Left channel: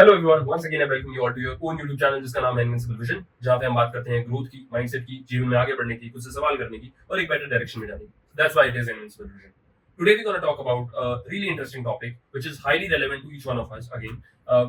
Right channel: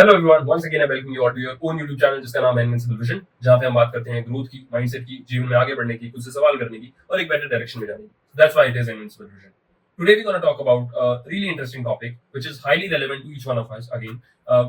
Hello everyone, once again I welcome you all to your own YouTube channel जिसका नाम है invincible vision, जहां पे हम बात करते हैं ग्रोथ की, माइंडसेट की, जीवन में आगे बढ़ने की, खुद से सवाल करने की और एक बेटर डायरेक्शन में जाने की. That's why it is invincible vision. Today we're going to talk about a really interesting topic which is highly relevant to each one of us again,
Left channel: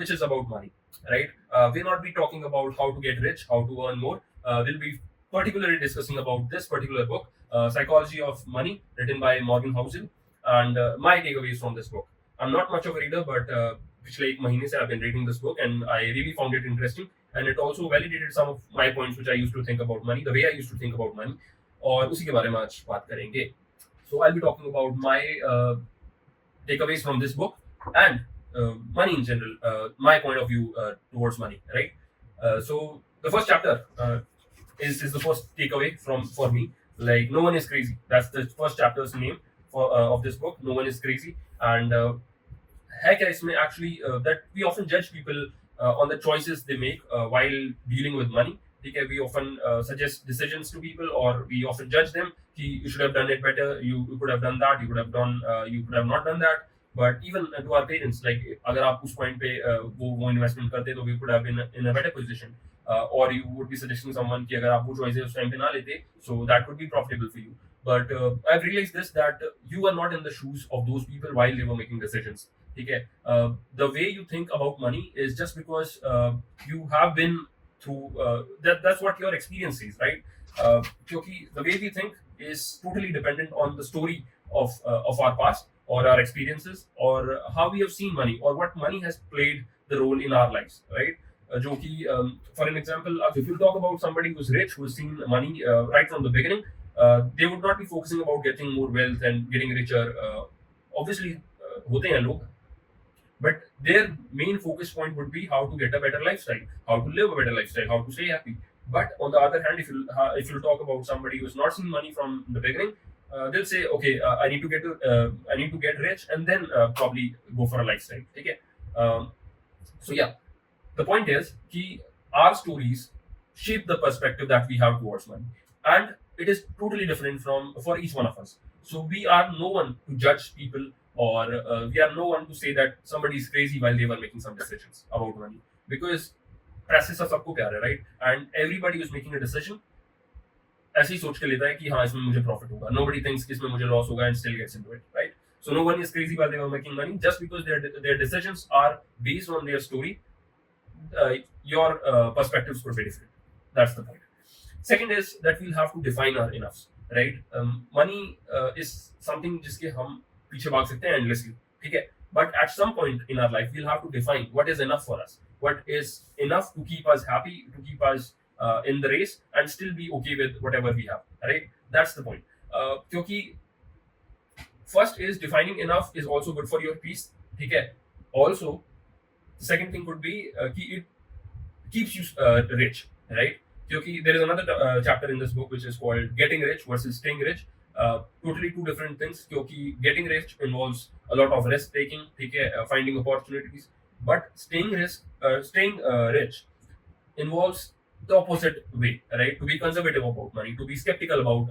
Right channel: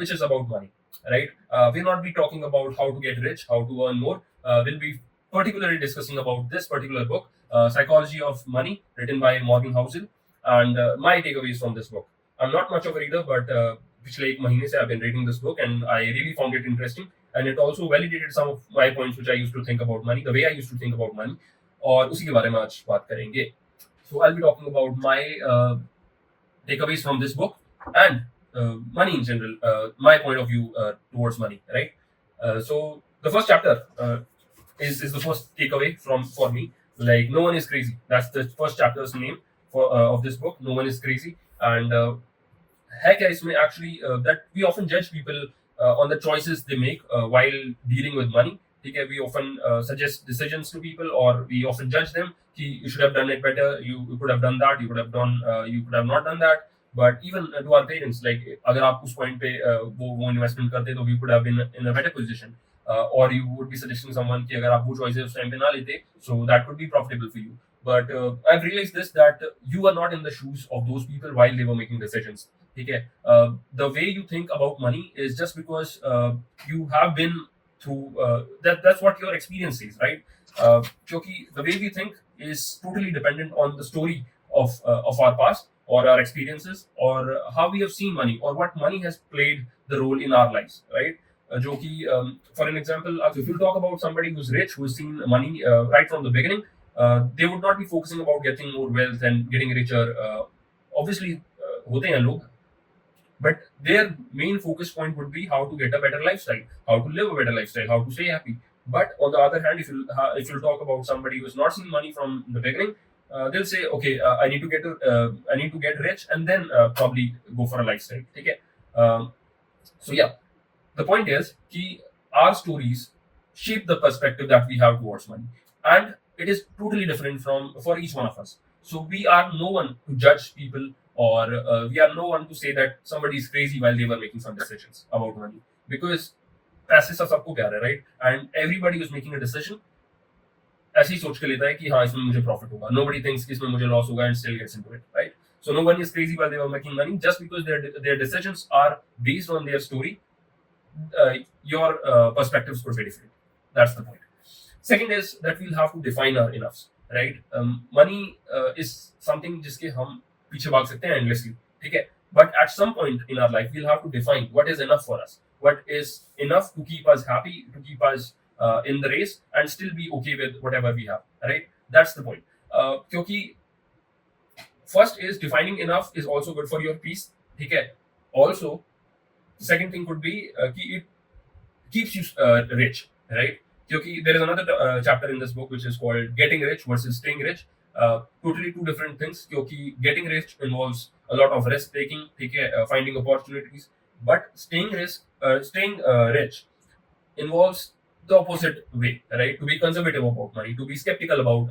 which is about money, right? We'll not be talking about how to get rich, how to earn more. We'll be particularly discussing about this particular book, Psychology of Money, written by Morgan Housel, and my takeaways from this book. I'm not much of a reader, but पिछले एक महीने से I've been reading this book and I really found it interesting, and it also validated some of my points which I used to think about money, the way I used to think about money, और उसी के बारे में आज बात करेंगे. So I'll be talking about my takeaways from this book and money in general, my point of view towards money, right? So the first chapter is the first takeaway from for me. Like, no one is crazy. That's the first chapter's name for of this book. No one is crazy, and है क्या इसमें actually that we often judge people on the choices they make while dealing with money. ठीक है, we often suggest decisions to people, or we often judge them कि you should have done it better, you could have done that, you could have not done that. But even to our parents, like, अगर आप उस point पे वो investment करते तो we could have been in a better position, or you would be suggesting someone कि अगर आप वो choices उस time पे ना लेते, so that could be profitable for you. But I've realized this, that you are not in the shoes of those people while they were making decisions. ठीक है, the way you think about money is just because you have been through that's what your experience is, right? क्योंकि the way we think is totally dependent on the story of our past, or our experiences, or how we have seen money, or what money has played the role in our lives, right? जो कि for an example, if you talk about somebody who's rich, who's seen money right from the beginning, they would not be focusing about getting more wealth and getting richer. Obviously, होते हैं लोग, but their main focus point would be how to get a better lifestyle, how to live a better lifestyle, how to stay happy. But on the other hand, if you talk about somebody who's not seen money from the beginning, they'll say, okay, I need to get rich and then probably go for a lifestyle. Okay. So yeah, the point is कि our stories shape the perspective that we have towards money, and it is totally different from for each one of us. So we are no one to judge people, or we are no one to say that somebody is crazy while they were making some decisions about money, because पैसे से सबको प्यार है, right? And everybody is making a decision ऐसे ही सोच के लेता है कि हाँ, इसमें मुझे प्रॉफिट होगा. Nobody thinks कि इसमें मुझे लॉस होगा and still gets into it, right? So no one is crazy while they were making money, just because their decisions are based on their story. Your perspectives could be different. That's the point. Second is that we'll have to define our enoughs, right? Money is something जिसके हम पीछे भाग सकते हैं endlessly, ठीक है? But at some point in our life, we'll have to define what is enough for us, what is enough to keep us happy, to keep us in the race, and still be okay with whatever we have, right? That's the point. क्योंकि first is defining enough is also good for your peace, ठीक है? Also, the second thing could be कि it keeps you rich, right? क्योंकि there is another chapter in this book which is called Getting Rich versus Staying Rich. Totally two different things, क्योंकि getting rich involves a lot of risk taking, ठीक है, finding opportunities, but staying rich involves the opposite way, right? To be conservative about money, to be skeptical about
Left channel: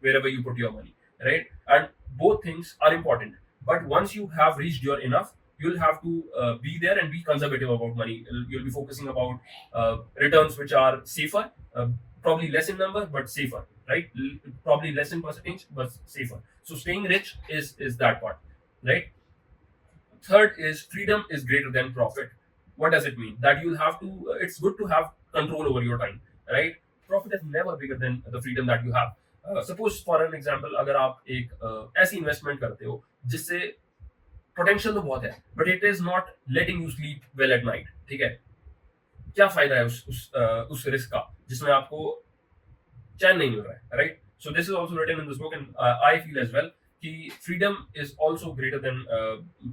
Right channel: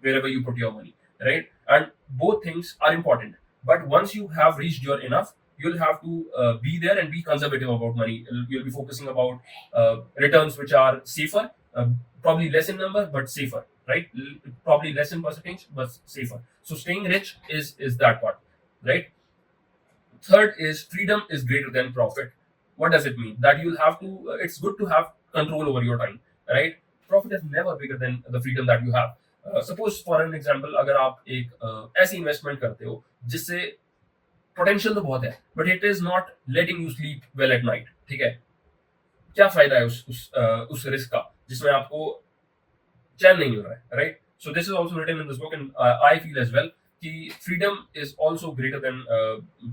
wherever you put your money, right? And both things are important, but once you have reached your enough, you'll have to be there and be conservative about money. You'll be focusing about returns which are safer, probably less in number but safer, right? Probably less in percentage but safer. So staying rich is that part, right? Third is freedom is greater than profit. What does it mean? That you'll have to, it's good to have control over your time, right? Profit is never bigger than the freedom that you have. Suppose for an example, अगर आप एक ऐसी investment करते हो जिससे potential तो बहुत है, but it is not letting you sleep well at night, ठीक है? क्या फायदा है उस रिस्क का जिसमें आपको चैन नहीं मिल रहा है, right? So this is also written in this book, and I feel as well कि freedom is also greater than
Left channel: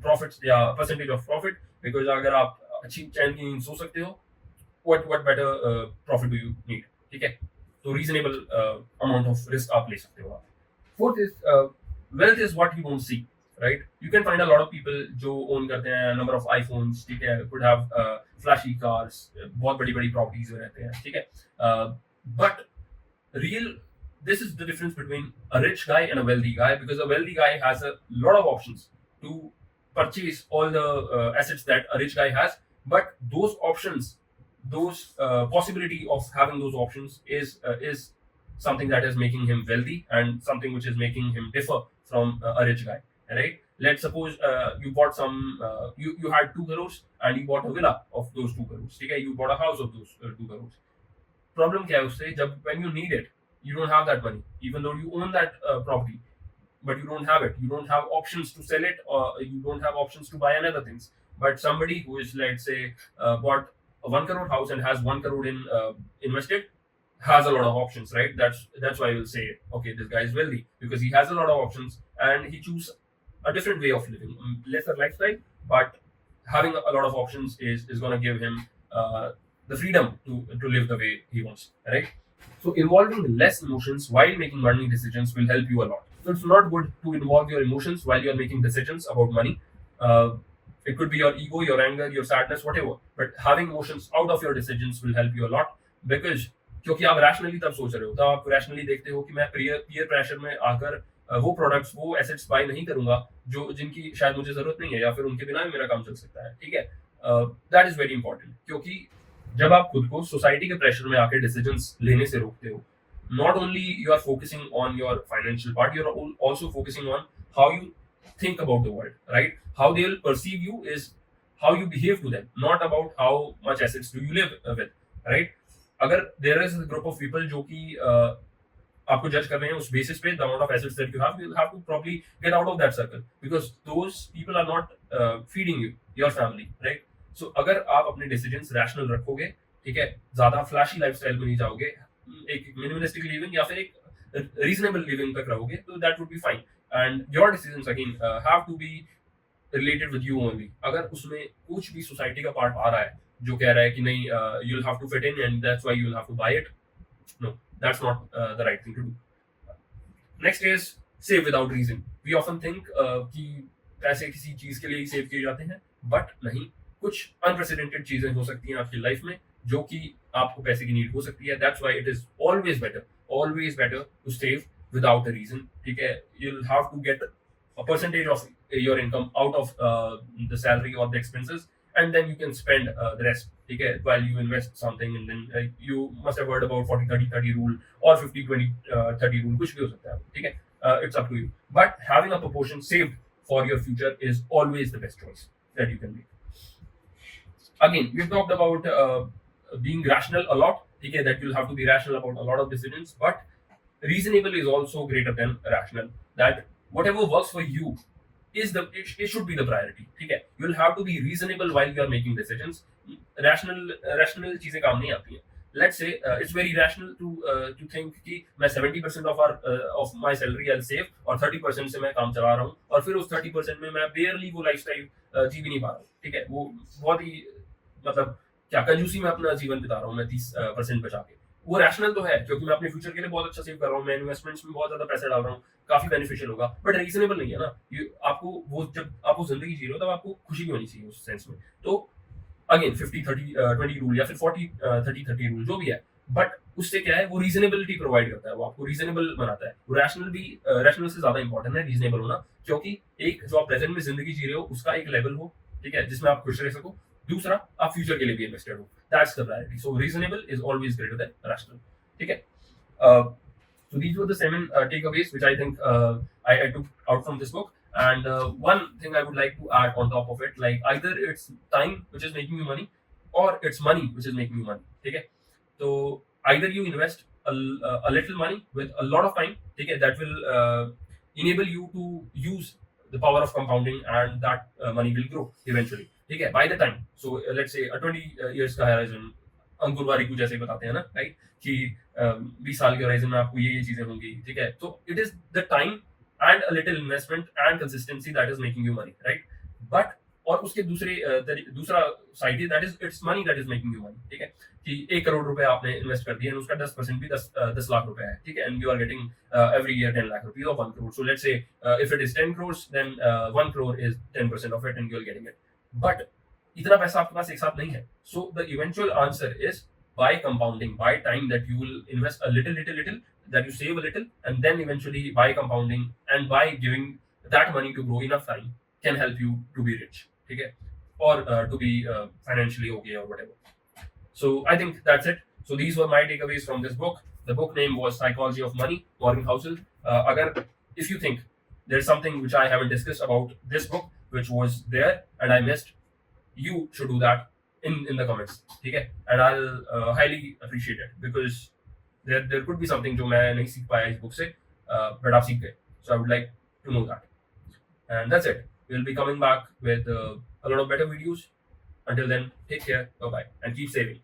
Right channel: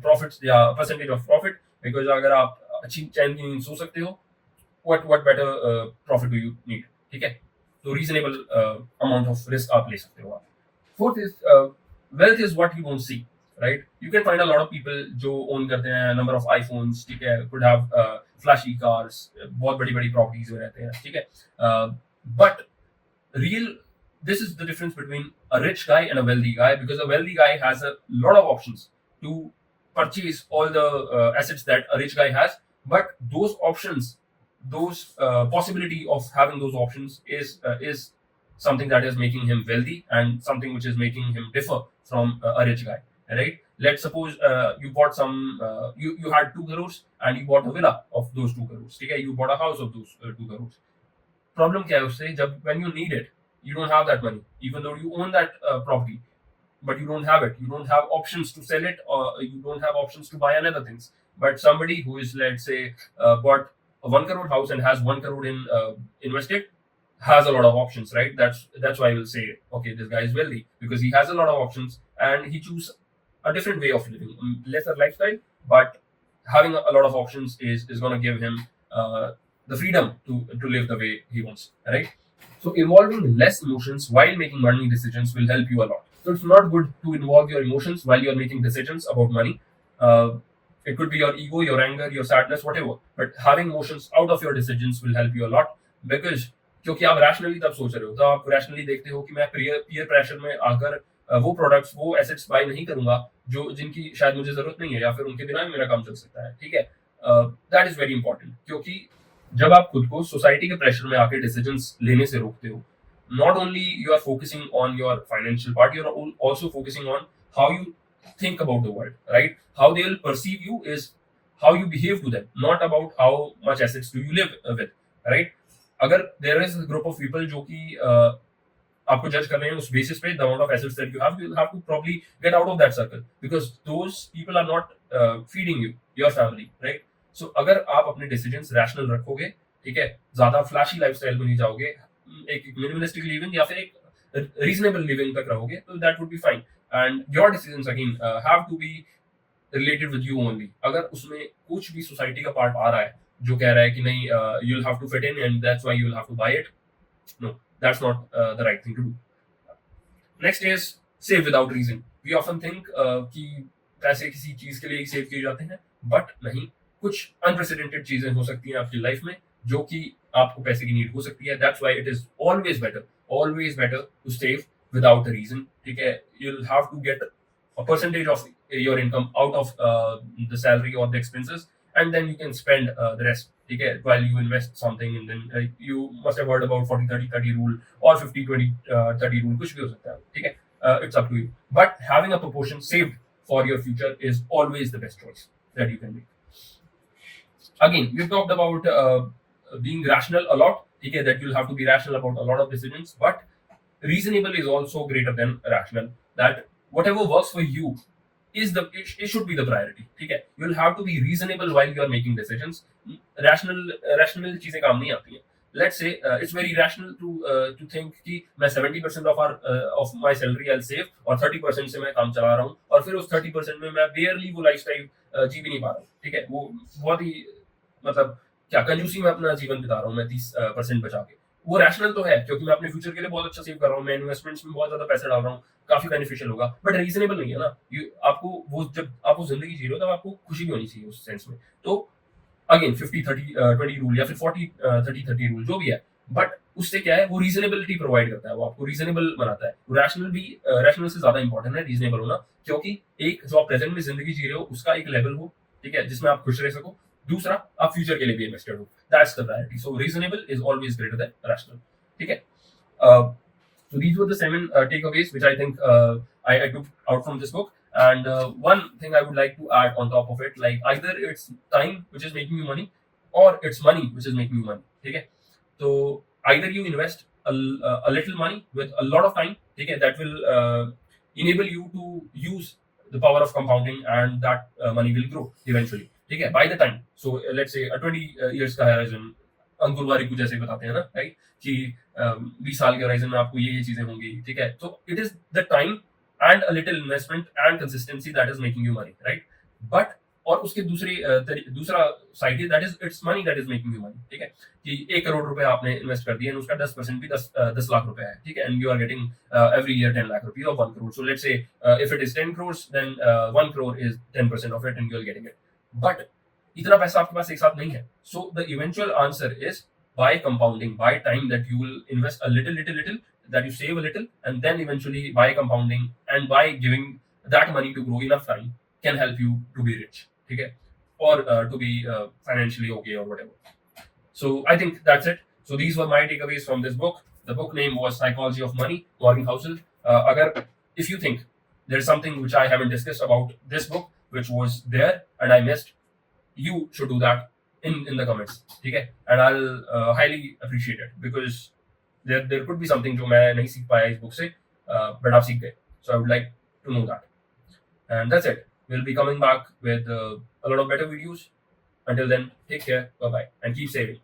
profits या परसेंटेज ऑफ प्रॉफिट, बिकॉज अगर आप अच्छी चैन की नींद सो सकते हो, what better profit do you need, ठीक है? तो रीजनेबल अमाउंट ऑफ रिस्क आप ले सकते हो आप. Fourth is wealth is what you don't see, right? You can find a lot of people जो own करते हैं number of iPhones, ठीक है, could have flashy cars, बहुत बड़ी बड़ी properties में रहते हैं, ठीक है? But real, this is the difference between a rich guy and a wealthy guy, because a wealthy guy has a lot of options to purchase all the assets that a rich guy has, but those options, those possibility of having those options is something that is making him wealthy and something which is making him differ from a rich guy, right? Let's suppose you bought some you had 2 crores and you bought a villa of those 2 crores, okay? You bought a house of those 2 crores. Problem क्या है उससे, जब when you need it, you don't have that money, even though you own that property, but you don't have it. You don't have options to sell it, or you don't have options to buy another things. But somebody who is, let's say, bought a 1 crore house and has 1 crore in invested, has a lot of options, right? That's why I will say, okay, this guy is wealthy because he has a lot of options and he choose a different way of living, lesser lifestyle, but having a lot of options is going to give him the freedom to live the way he wants, right? So involving less emotions while making money decisions will help you a lot. So it's not good to involve your emotions while you're making decisions about money. Uh, it could be your ego, your anger, your sadness, whatever. But having emotions out of your decisions will help you a lot because क्योंकि आप rationally तब सोच रहे हो, तब आप rationally देखते हो कि मैं पीयर प्रेशर में आकर वो प्रोडक्ट्स, वो एसेट्स बाय नहीं करूंगा जो जिनकी शायद मुझे जरूरत नहीं है या फिर उनके बिना भी मेरा काम चल सकता है, ठीक है? दैट इज वेरी इंपॉर्टेंट क्योंकि जब आप खुद को सोसाइटी के प्रेशर में आके डिसीजंस लेने से रोकते हो, not only you are focusing on your financial part, you are also focusing on how you think about the world, right? How they will perceive you is how you behave to them, not about how much assets do you live with, right? अगर there is a group of people जो कि आपको जज कर रहे हैं उस basis पे, the amount of assets that you will have to probably get out of that circle because those people are not feeding you, your family, right? So अगर आप अपने डिसीजंस रैशनल रखोगे, ठीक है, ज्यादा फ्लैशी लाइफस्टाइल में नहीं जाओगे, एक मिनिमलिस्टिक लिविंग या फिर एक रीजनेबल लिविंग तक रहोगे, तो that would be fine and your decisions again have to be related with you only. अगर उसमें कुछ भी सोसाइटी का पार्ट आ रहा है जो कह रहा है कि नहीं you will have to fit in and that's why you will have to buy it, no, that's not the right thing to do. Next is save without reason. We often think कि पैसे किसी चीज के लिए ही save किए जाते हैं, but नहीं, कुछ अनप्रेसिडेंटेड चीजें हो सकती हैं आपकी लाइफ में जो कि आपको पैसे की नीड हो सकती है. That's why it is always better to save without the reason, ठीक है? You will have to get a percentage of your income out of the salary or the expenses, and then you can spend the rest, okay, while you invest something. And then you must have heard about 40-30-30 rule or 50-20-30 rule, kuch bhi ho sakta hai, okay? It's up to you, but having a proportion saved for your future is always the best choice that you can make. Again, we've talked about being rational a lot, okay, that you'll have to be rational about a lot of decisions, but reasonable is also greater than rational. That whatever works for you it should be the priority, ठीक है? You'll have to be reasonable while you are making decisions. Rational चीजें काम नहीं आती हैं. Let's say it's very rational to think कि मैं 70% of my salary I'll save और 30% से मैं काम चला रहा हूँ और फिर उस 30% में मैं barely वो लाइफस्टाइल जी भी नहीं पा रहा हूँ, ठीक है? वो बहुत ही मतलब क्या कंजूसी में अपना जीवन बिता रहा हूँ मैं 30% बचा के. वो रैशनल तो है क्योंकि मैं अपने फ्यूचर के लिए बहुत अच्छा सेव कर रहा हूँ, मैं इन्वेस्टमेंट्स में बहुत ज्यादा पैसे डाल रहा हूँ, काफी बेनिफिशियल होगा, बट रीजनेबल नहीं है ना. आपको वो जब आप वो जिंदगी जी रहे हो तब आपको खुशी भी होनी चाहिए उस सेंस में. तो अगेन 50-30-20 रूल या फिर 40-30-30 रूल जो भी है, बट उससे क्या है, वो रीजनेबिलिटी प्रोवाइड करता है, वो आपको रीजनेबल बनाता है. वो रैशनल से ज्यादा इंपॉर्टेंट है रीजनेबल होना, क्योंकि एक जो आप प्रेजेंट में जिंदगी जी रहे हो उसका एक लेवल हो, ठीक है, जिसमें आप खुश रह सको. दूसरा, आप फ्यूचर के लिए भी इन्वेस्टेड हो. That's the priority. So reasonable is always greater than rational, ठीक है? So these were the 7 takeaways which I think I took out from this book. And one thing I would like to add on top of it, like either it's time which is making you money or it's money which is making you money, okay? So either you invest a little money with a lot of time, okay, that will enable you to use the power of compounding, and that money will grow eventually, okay, by the time. So let's say a 20 years का horizon, अंकुर वारिकू जैसे बताते हैं ना, right, कि 20 साल के horizon में आपको ये चीजें होंगी, ठीक है? तो it is the time and a little investment and consistency that is making you money, right? But और उसके दूसरा साइड है that is it's money that is making you money, ठीक है? कि 1 करोड़ रुपए आपने इन्वेस्ट कर दिया, उसका 10% भी 10 लाख रुपए है, ठीक है? And you are getting every year 10 lakh rupees of 1 crore. So let's say if it is 10 crore then 1 crore is 10% of it and you are getting it. But इतना पैसा आपके पास एक साथ नहीं है. So the eventual answer is by compounding, by time that you will invest a little, that you save a little, and then eventually by compounding and by giving that money to grow enough time can help you to be rich, ठीक है? or to be financially okay or whatever. So I think that's it. So these were my takeaways from this book. The book name was Psychology of Money, Morgan Housel. If you think there's something which I haven't discussed about this book which was there and I missed, you should do that in the comments. Okay, and I'll highly appreciate it, because there could be something जो मैं नहीं सीख पाया इस book से, but आप सीख गए. So I would like to know that. And that's it. We'll be coming back with a lot of better videos. Until then, take care, bye bye, and keep saving.